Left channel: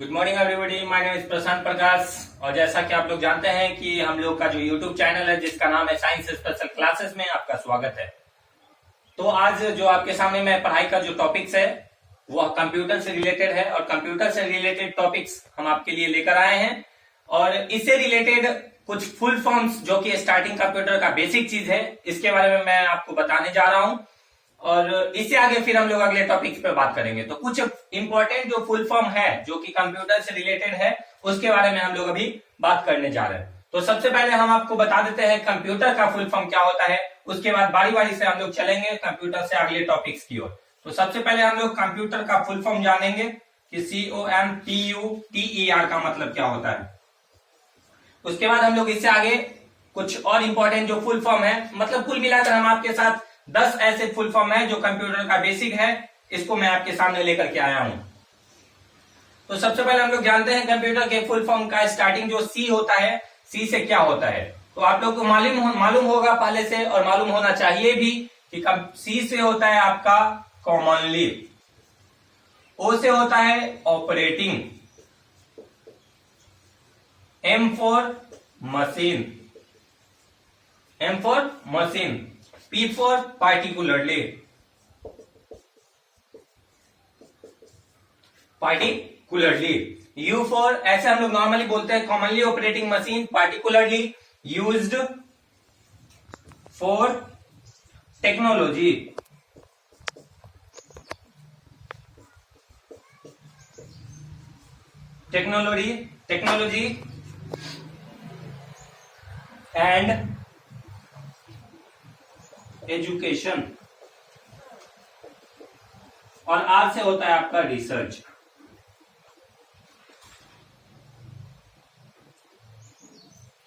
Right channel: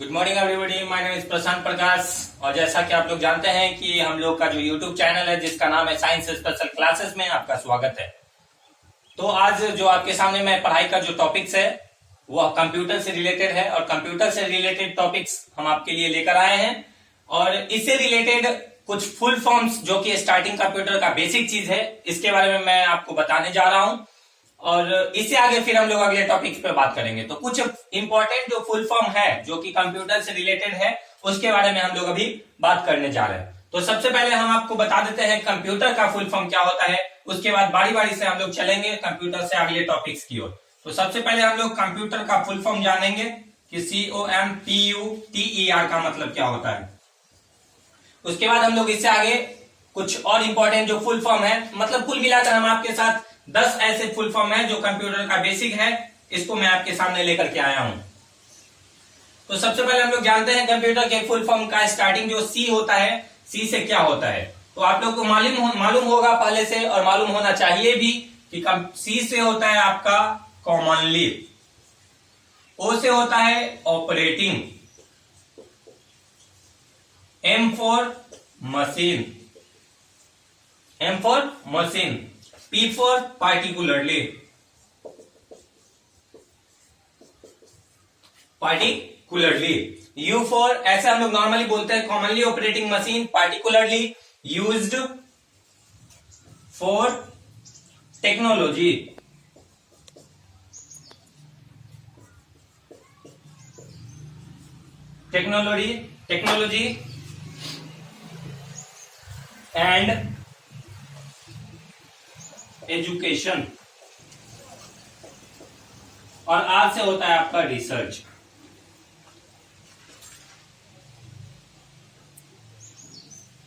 Good morning everybody, my name is Prashant Prakash. और जैसा कि आप लोग जानते हैं कि हम लोग का जो यूट्यूब चैनल है जिसका नाम है साइंस स्पेशल क्लासेस में आपका स्वागत है। तो आज जो आपके सामने मैं पढ़ाई का जो टॉपिक्स है वो कंप्यूटर से रिलेटेड है और कंप्यूटर से रिलेटेड टॉपिक्स हम आपके लिए लेकर आए हैं। और इससे रिलेटेड कुछ फुल फॉर्म्स जो कि स्टार्टिंग कंप्यूटर का बेसिक चीज है इसके बारे में मैं आपको बताने जा रहा हूं और इससे आगे फिर हम लोग अगले टॉपिक पे बात करेंगे। तो कुछ इंपॉर्टेंट जो फुल फॉर्म है जो कि कंप्यूटर से रिलेटेड है उसके बारे में हम लोग अभी बात करने जा रहे हैं। तो सबसे पहले हम आपको बता देते हैं कंप्यूटर का फुल फॉर्म क्या होता है, उसके बाद बारी बारी से हम लोग चलेंगे कंप्यूटर से अगले टॉपिक्स की ओर। तो सबसे पहले हम लोग कंप्यूटर का फुल फॉर्म जानेंगे कि COMPUTER का मतलब क्या होता है। उसके बाद हम लोग इससे आगे कुछ और इंपॉर्टेंट जो फुल फॉर्म है, मतलब कुल मिलाकर हम आपके साथ 10 ऐसे फुल फॉर्म है जो कंप्यूटर का बेसिक है, इसको मैं आपके सामने लेकर के आया हूं। तो सबसे पहले हम लोग जानते हैं कंप्यूटर के फुल फॉर्म का स्टार्टिंग जो सी होता है, सी से क्या होता है। तो आप लोग को मालूम होगा पहले से और मालूम होना चाहिए भी कि सी से होता है आपका कॉमनली, ओ से होता है operating, M for machine, P for particularly, U for ऐसे हम लोग नॉर्मली बोलते हैं commonly operating machine, particularly used for technology, and education, और आर से होता है आपका रिसर्च।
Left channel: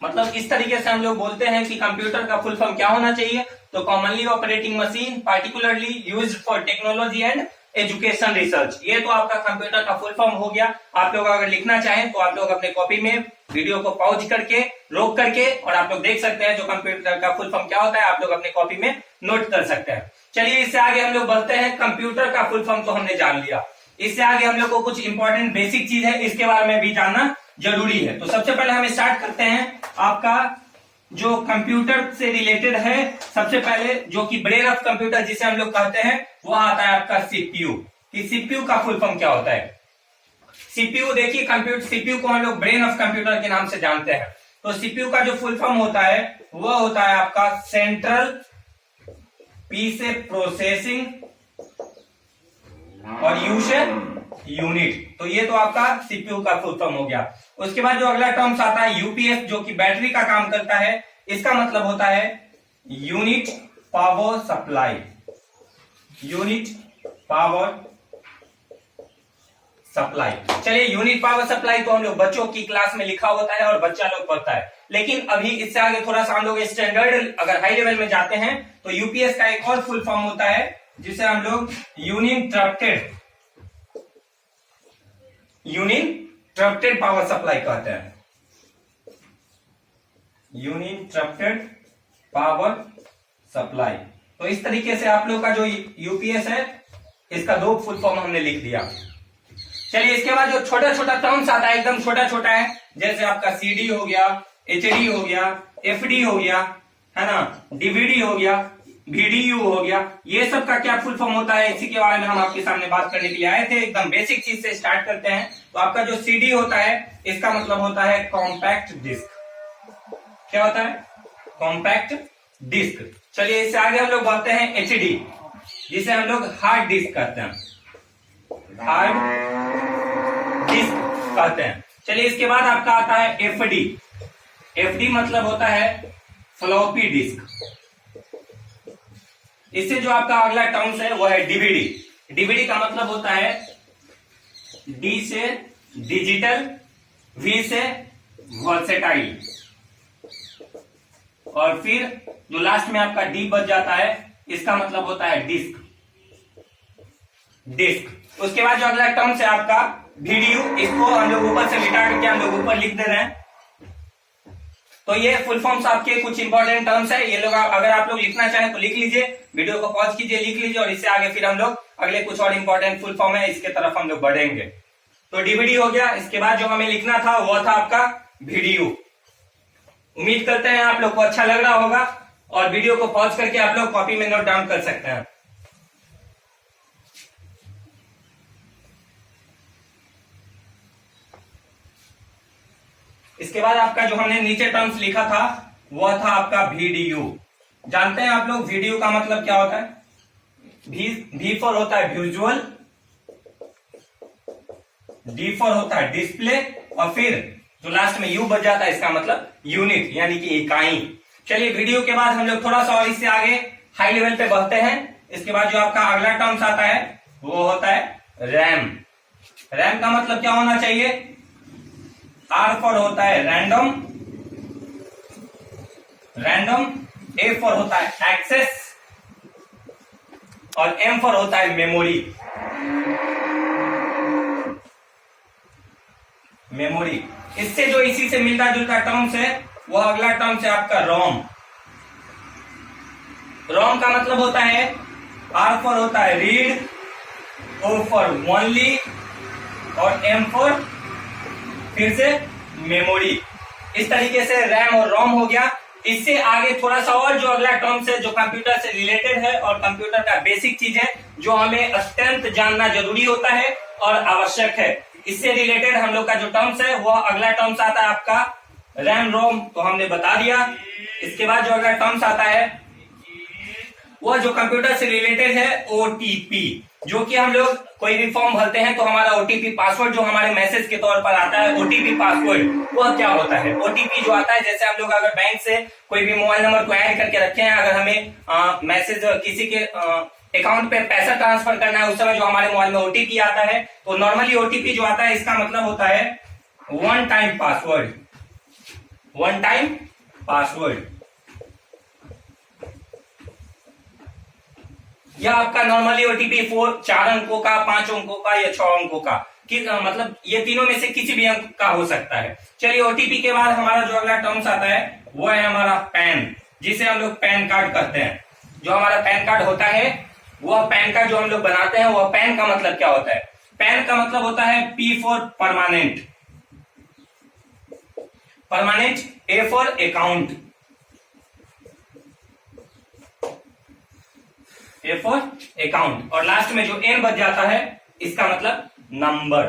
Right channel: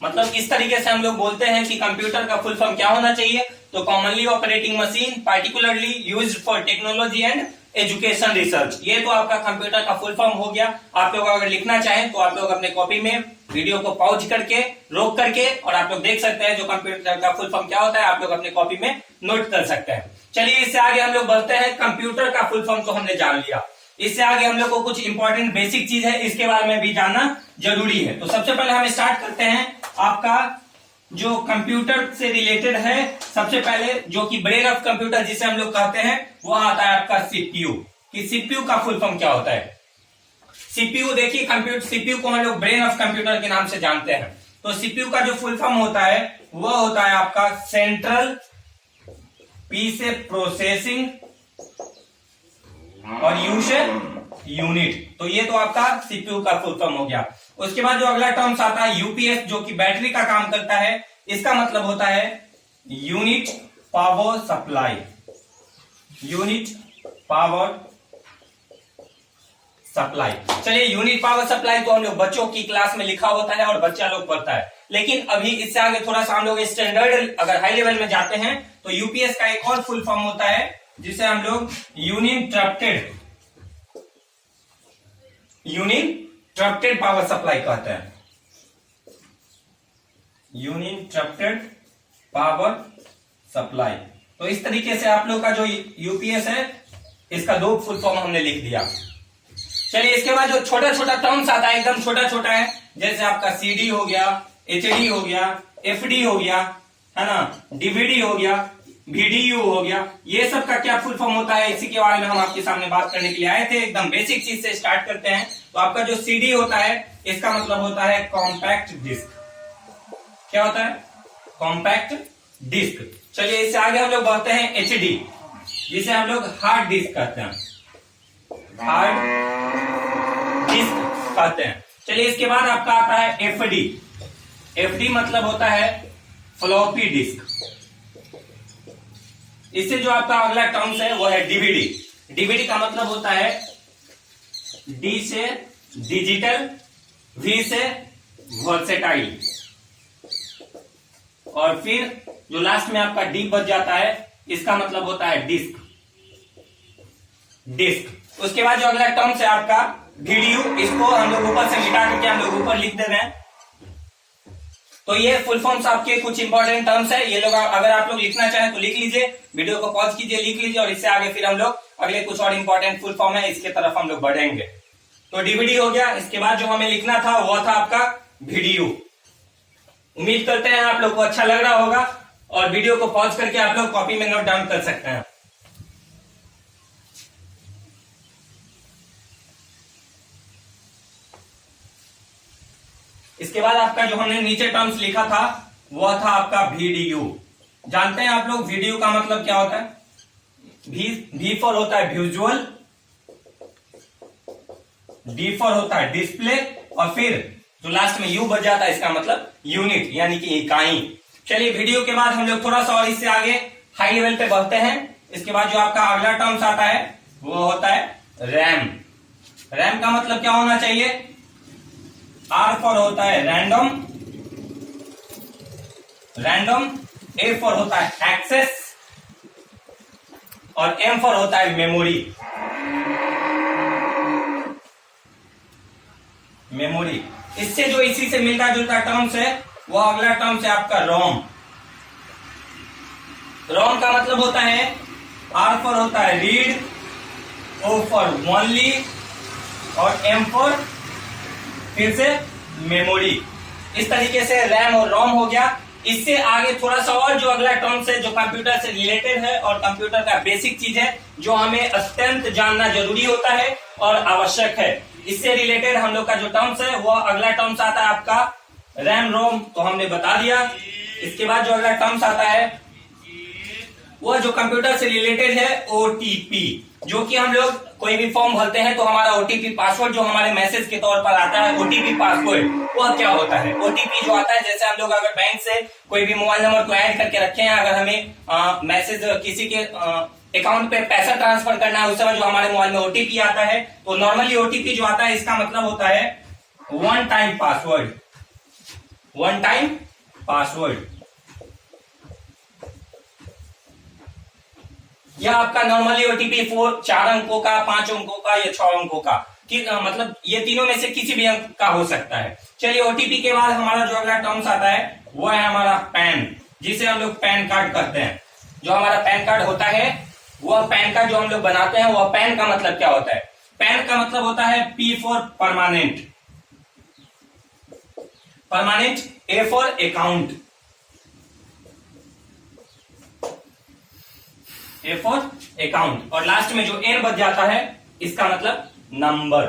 मतलब इस तरीके से हम लोग बोलते हैं कि कंप्यूटर का फुल फॉर्म क्या होना चाहिए। तो commonly operating machine, particularly used for technology and education research, ये तो आपका कंप्यूटर का फुल फॉर्म हो गया। आप लोग अगर लिखना चाहें तो आप लोग अपने कॉपी में वीडियो को पॉज करके रोक करके और आप लोग देख सकते हैं जो कंप्यूटर का फुल फॉर्म क्या होता है, आप लोग अपने कॉपी में नोट कर सकते हैं। चलिए इससे आगे हम लोग बढ़ते हैं। कंप्यूटर का फुल फॉर्म तो हमने जान लिया, इससे आगे हम लोग को कुछ इंपॉर्टेंट बेसिक चीज है इसके बारे में भी जानना जरूरी है। तो सबसे पहले हम स्टार्ट करते हैं आपका जो कंप्यूटर से रिलेटेड है। सबसे पहले जो कि ब्रेन ऑफ कंप्यूटर जिसे हम लोग कहते हैं वो आता है आपका सीपीयू। कि सीपीयू का फुल फॉर्म क्या होता है। सीपीयू देखिए, कंप्यूटर सीपीयू को हम लोग ब्रेन ऑफ कंप्यूटर के नाम से जानते हैं। तो सीपीयू का जो फुल फॉर्म होता है वह होता है आपका सेंट्रल, पी से प्रोसेसिंग और यू से यूनिट। तो ये तो आपका सीपीयू का फुल फॉर्म हो गया। उसके बाद जो अगला टर्म्स आता है यूपीएस, जो कि बैटरी का काम करता है, इसका मतलब होता है unit power supply, unit power supply. चलिए यूनिट पावर सप्लाई तो हम लोग बच्चों की क्लास में लिखा होता है और बच्चा लोग पढ़ता है, लेकिन अभी इससे आगे थोड़ा सा हम लोग स्टैंडर्ड अगर हाई लेवल में जाते हैं तो यूपीएस का एक और फुल फॉर्म होता है जिसे हम लोग यूनिंटरप्टेड पावर सप्लाई कहते हैं, यूनिंटरप्टेड पावर सप्लाई। तो इस तरीके से आप लोग का जो यूपीएस है इसका दो फुल फॉर्म हमने लिख दिया। चलिए इसके बाद जो छोटा छोटा टर्म्स आता है, एकदम छोटा छोटा है, जैसे आपका सीडी हो गया, एचडी हो गया, एफडी हो गया, है ना, डीवीडी हो गया, वीडीयू हो गया, ये सब का क्या फुल फॉर्म होता है इसी के बारे में हम आपके सामने बात करने के लिए आए थे। एकदम बेसिक चीज से स्टार्ट करते हैं। तो आपका जो सीडी होता है इसका मतलब होता है कॉम्पैक्ट डिस्क। क्या होता है? Compact disc. चलिए इससे आगे हम लोग बढ़ते हैं एचडी, जिसे हम लोग हार्ड डिस्क कहते हैं, हार्ड डिस्क कहते हैं। चलिए इसके बाद आपका आता है एफडी। एफडी मतलब होता है फ्लॉपी डिस्क। इससे जो आपका अगला टर्म्स है वो है डीवीडी। डीवीडी का मतलब होता है डी से डिजिटल, वी से वर्सेटाइल, और फिर जो लास्ट में आपका डी बच जाता है इसका मतलब होता है डिस्क। उसके बाद जो अगला टर्म्स है आपका वीडियो, इसको हम लोग ऊपर से मिटा करके हम लोग ऊपर लिख दे रहे हैं। तो ये फुल फॉर्म्स आपके कुछ इंपॉर्टेंट टर्म्स है, ये लोग अगर आप लोग लिखना चाहें तो लिख लीजिए, वीडियो को पॉज कीजिए, लिख लीजिए, और इससे आगे फिर हम लोग अगले कुछ और इंपॉर्टेंट फुल फॉर्म है इसके तरफ हम लोग बढ़ेंगे। तो डीवीडी हो गया। इसके बाद जो हमें लिखना था वो था आपका वीडियो। उम्मीद करते हैं आप लोग को अच्छा लग रहा होगा, और वीडियो को पॉज करके आप लोग कॉपी में नोट डाउन कर सकते हैं। इसके बाद आपका जो हमने नीचे टर्म्स लिखा था वह था आपका वीडियो। जानते हैं आप लोग वीडियो का मतलब क्या होता है? वी फॉर होता है विजुअल, डी फॉर होता है डिस्प्ले, और फिर जो लास्ट में यू बच जाता है इसका मतलब यूनिट यानी कि इकाई। चलिए वीडियो के बाद हम लोग थोड़ा सा और इससे आगे हाई लेवल पे बढ़ते हैं। इसके बाद जो आपका अगला टर्म्स आता है वो होता है रैम। रैम का मतलब क्या होना चाहिए? आर फॉर होता है रैंडम, ए फॉर होता है एक्सेस, और एम फॉर होता है मेमोरी। इससे जो इसी से मिलता जुलता टर्म्स है वो अगला टर्म्स है आपका रोम। रोम का मतलब होता है आर फॉर होता है रीड, ओ फॉर ओनली, और एम फॉर फिर से मेमोरी। इस तरीके से रैम और रोम हो गया। इससे आगे थोड़ा सा और जो अगला टर्म्स है जो कंप्यूटर से रिलेटेड है और कंप्यूटर का बेसिक चीज है जो हमें अत्यंत जानना जरूरी होता है और आवश्यक है। इससे रिलेटेड हम लोग का जो टर्म्स है वो अगला टर्म्स आता है आपका रैम रोम, तो हमने बता दिया। इसके बाद जो अगला टर्म्स आता है वो जो कंप्यूटर से रिलेटेड है ओटीपी, जो कि हम लोग कोई भी फॉर्म भरते हैं तो हमारा ओटीपी पासवर्ड जो हमारे मैसेज के तौर पर आता है, ओटीपी पासवर्ड, वह क्या होता है? ओटीपी जो आता है, जैसे हम लोग अगर बैंक से कोई भी मोबाइल नंबर को ऐड करके रखे हैं, अगर हमें मैसेज किसी के अकाउंट पे पैसा ट्रांसफर करना है उस समय जो हमारे मोबाइल में ओटीपी आता है, तो नॉर्मली ओटीपी जो आता है इसका मतलब होता है वन टाइम पासवर्ड। यह आपका नॉर्मली ओटीपी 4 अंकों का, 5 अंकों का या 6 अंकों का, मतलब ये तीनों में से किसी भी अंक का हो सकता है। चलिए ओटीपी के बाद हमारा जो अगला टर्म्स आता है वो है हमारा पैन, जिसे हम लोग पैन कार्ड कहते हैं। जो हमारा पैन कार्ड होता है वह पैन कार्ड जो हम लोग बनाते हैं वह पैन का मतलब क्या होता है? पैन का मतलब होता है P for permanent, A for account, और लास्ट में जो एन बच जाता है इसका मतलब नंबर,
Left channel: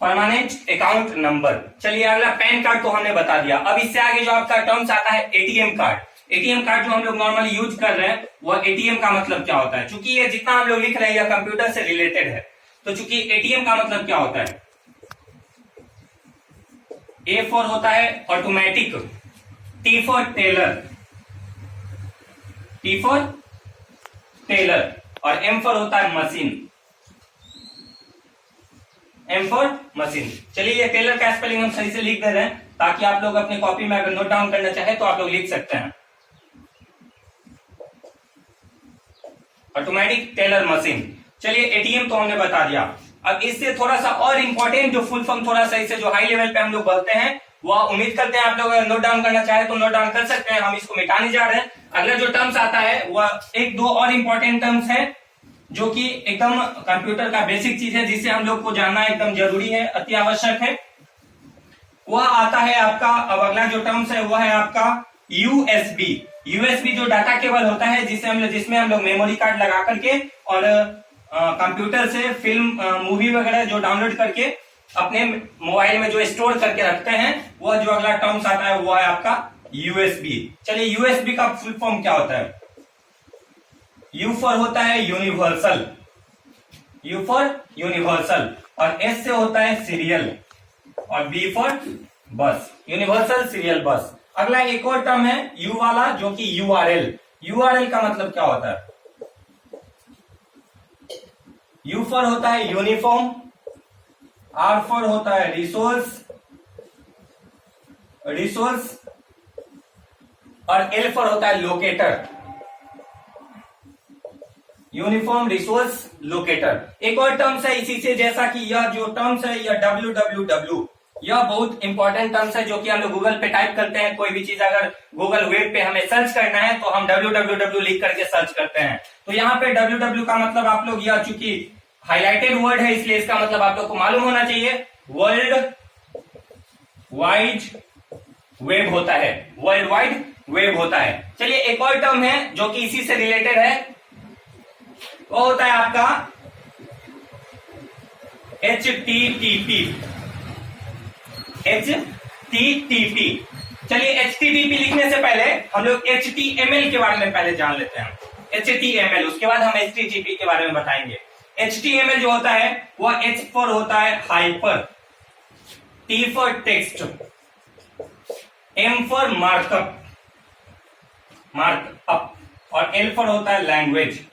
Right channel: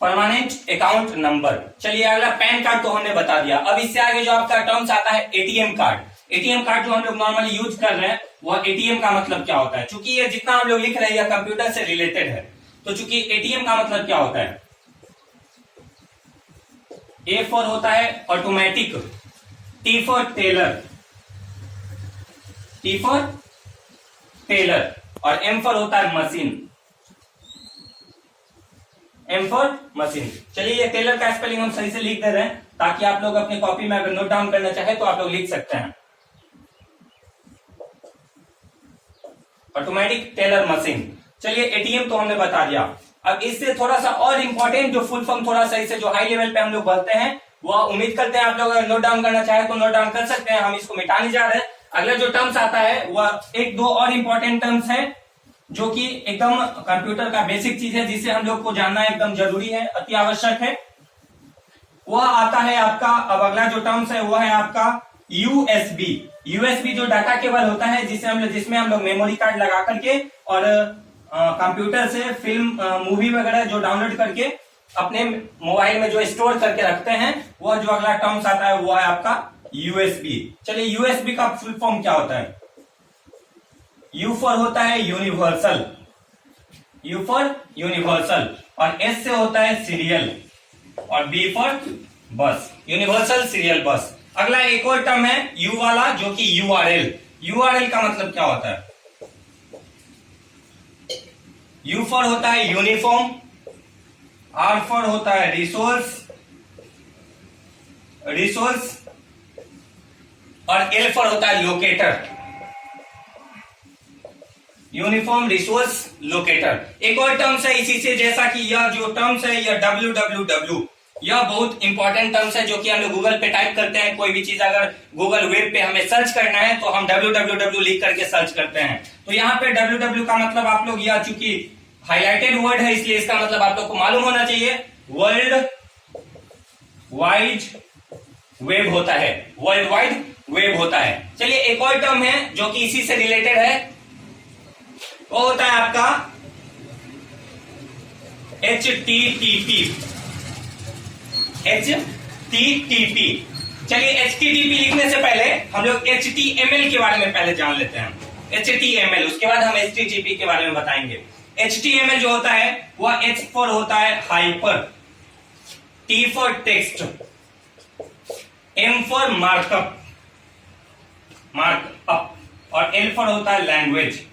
परमानेंट अकाउंट नंबर। चलिए अगला पैन कार्ड तो हमने बता दिया। अब इससे आगे जो आपका टर्म्स आता है एटीएम कार्ड। एटीएम कार्ड जो हम लोग नॉर्मली यूज कर रहे हैं वह एटीएम का मतलब क्या होता है? चूंकि ये जितना हम लोग लिख रहे हैं यह कंप्यूटर से रिलेटेड है, तो चूंकि एटीएम का मतलब क्या होता है? ए फॉर होता है ऑटोमेटिक, टी फॉर टेलर, और एम फॉर होता है मशीन। चलिए ये टेलर का स्पेलिंग हम सही से लिख दे रहे हैं ताकि आप लोग अपनी कॉपी में अगर नोट डाउन करना चाहे तो आप लोग लिख सकते हैं। Automatic teller machine. चलिए एटीएम तो हमने बता दिया। अब इससे थोड़ा सा और इंपॉर्टेंट जो फुल फॉर्म थोड़ा सा इससे जो हाई लेवल पे हम लोग बोलते हैं वह उम्मीद करते हैं आप लोग अगर नोट डाउन करना चाहे तो नोट डाउन कर सकते हैं। हम इसको मिटाने जा रहे हैं। अगला जो टर्म्स आता है वह एक दो और इंपॉर्टेंट टर्म्स है जो कि एकदम कंप्यूटर का बेसिक चीज है जिसे हम लोग को जानना एकदम जरूरी है, अति आवश्यक है। वह आता है आपका, अब अगला जो टर्म्स है वह है आपका यूएसबी जो डाटा केबल होता है जिसमें हम लोग मेमोरी कार्ड लगा करके और कंप्यूटर से फिल्म मूवी वगैरह जो डाउनलोड करके अपने मोबाइल में जो स्टोर करके रखते हैं, वह जो अगला टर्म्स आता है वो है आपका यूएसबी। चलिए यूएसबी का फुल फॉर्म क्या होता है? यू फॉर होता है यूनिवर्सल, और एस से होता है सीरियल, और बी फॉर बस, यूनिवर्सल सीरियल बस। अगला एक और टर्म है यू वाला जो कि यूआरएल का मतलब क्या होता है? यू फॉर होता है यूनिफॉर्म, आर फॉर होता है रिसोर्स, और एल फॉर होता है लोकेटर, यूनिफॉर्म रिसोर्स लोकेटर। एक और टर्म्स है इसी से, जैसा कि यह जो टर्म्स है यह www, यह बहुत इंपॉर्टेंट टर्म्स है जो कि हम लोग गूगल पे टाइप करते हैं। कोई भी चीज अगर गूगल वेब पे हमें सर्च करना है तो हम www लिख करके सर्च करते हैं। तो यहाँ पे www का मतलब आप लोग यह चूंकि हाईलाइटेड वर्ड है इसलिए इसका मतलब आप लोग को मालूम होना चाहिए, वर्ल्ड वाइड वेब होता है, वर्ल्ड वाइड वेब होता है। चलिए एक और टर्म है जो कि इसी से रिलेटेड है, वो होता है आपका HTTP। HTTP। चलिए HTTP लिखने से पहले हम लोग HTML के बारे में पहले जान लेते हैं। HTML, उसके बाद हम HTTP के बारे में बताएंगे। HTML जो होता है वह H फॉर होता है hyper, T for text, M for markup और L फॉर होता है लैंग्वेज।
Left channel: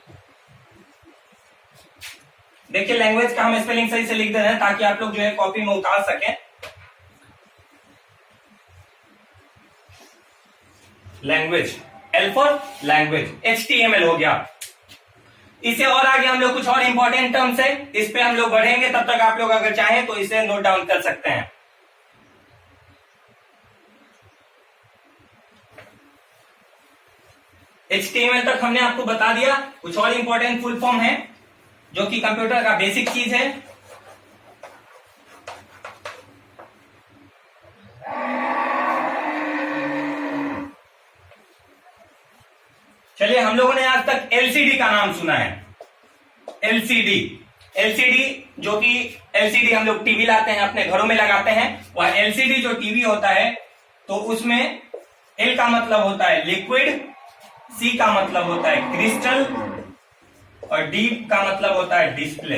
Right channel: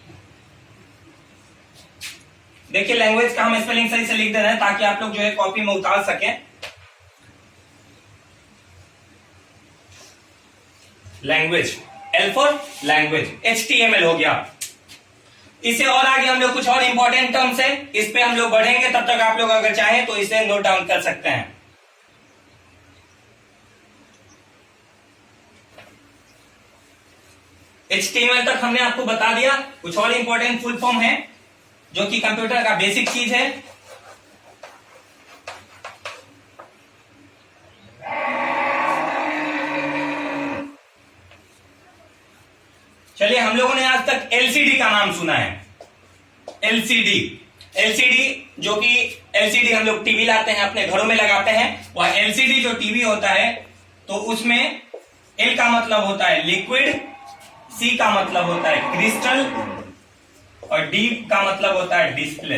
देखिए लैंग्वेज का हम स्पेलिंग सही से लिख दे रहे हैं ताकि आप लोग जो है कॉपी में उतार सकें। Language, L for language, HTML हो गया। इससे और आगे हम लोग कुछ और इंपॉर्टेंट टर्म्स है, इस पे हम लोग बढ़ेंगे, तब तक आप लोग अगर चाहें तो इसे नोट डाउन कर सकते हैं। HTML तक हमने आपको बता दिया। कुछ और इंपॉर्टेंट फुल फॉर्म है जो कि कंप्यूटर का बेसिक चीज है। चलिए हम लोगों ने आज तक LCD का नाम सुना है। LCD जो कि LCD हम लोग टीवी लाते हैं अपने घरों में लगाते हैं, वह LCD जो टीवी होता है तो उसमें L का मतलब होता है लिक्विड, C का मतलब होता है क्रिस्टल और D का मतलब होता है डिस्प्ले,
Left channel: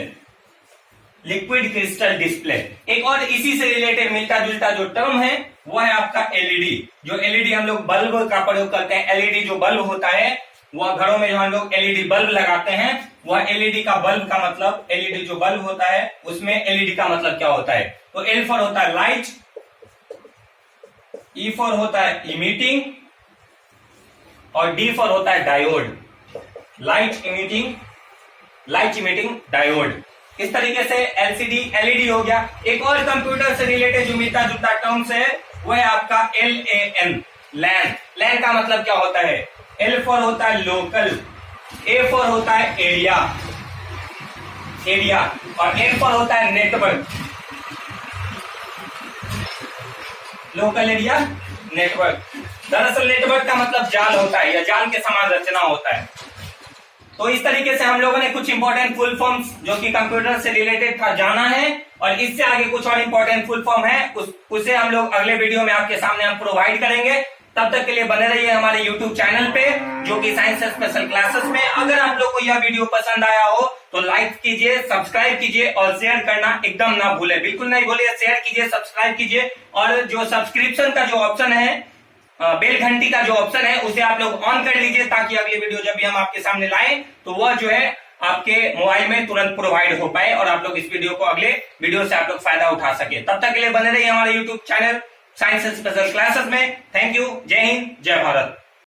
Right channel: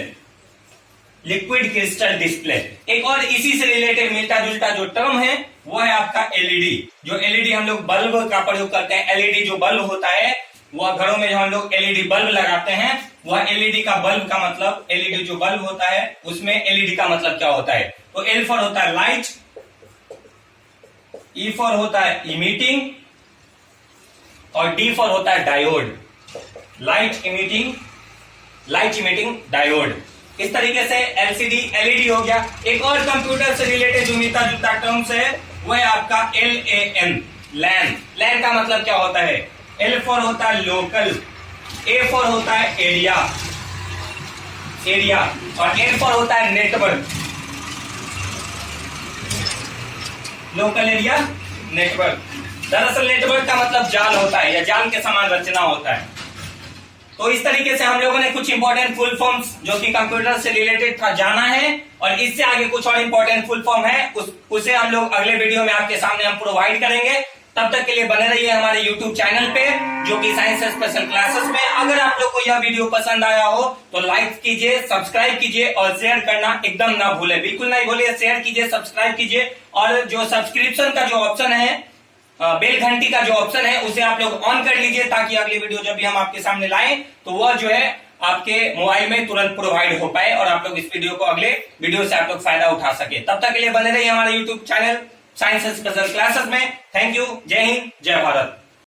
लिक्विड क्रिस्टल डिस्प्ले। एक और इसी से रिलेटेड मिलता जुलता जो टर्म है वो है आपका LED। जो LED हम लोग बल्ब का प्रयोग करते हैं, LED जो बल्ब होता है वह घरों में जो हम लोग LED बल्ब लगाते हैं, वह LED का बल्ब का मतलब, LED जो बल्ब होता है उसमें LED का मतलब क्या होता है, तो L फॉर होता है लाइट, E फॉर होता है इमिटिंग और D फॉर होता है डायोड, लाइट इमिटिंग डायोड। इस तरीके से LCD LED हो गया। एक और कंप्यूटर से रिलेटेड जो मिलता जुलता टर्म्स है वो है आपका LAN, लैन का मतलब क्या होता है, L फॉर होता है लोकल, A फॉर होता है एरिया और N फॉर होता है नेटवर्क, लोकल एरिया नेटवर्क। दरअसल नेटवर्क का मतलब जाल होता है या जाल के समान रचना होता है। तो इस तरीके से हम लोगों ने कुछ इंपॉर्टेंट फुल फॉर्म्स जो कि कंप्यूटर से रिलेटेड था जाना है, और इससे आगे कुछ और इंपॉर्टेंट फुल फॉर्म है उसे हम लोग अगले वीडियो में आपके सामने हम प्रोवाइड करेंगे। तब तक के लिए बने रहिए हमारे YouTube चैनल पे जो कि साइंस स्पेशल क्लासेस में। अगर आप लोग को यह वीडियो पसंद आया हो तो लाइक कीजिए, सब्सक्राइब कीजिए और शेयर करना एकदम ना भूलें, बिल्कुल नहीं भूलिए, शेयर कीजिए, सब्सक्राइब कीजिए। और जो सब्सक्रिप्शन का जो ऑप्शन है, बेल घंटी का जो ऑप्शन है, उसे आप लोग ऑन कर लीजिए ताकि अगली वीडियो जब भी हम आपके सामने लाएं तो वह जो है आपके मोबाइल में तुरंत प्रोवाइड हो पाए और आप लोग इस वीडियो को अगले वीडियो से आप लोग फायदा उठा सके। तब तक के लिए बने रहिए हमारे YouTube channel science special classes में। थैंक यू, जय हिंद, जय भारत।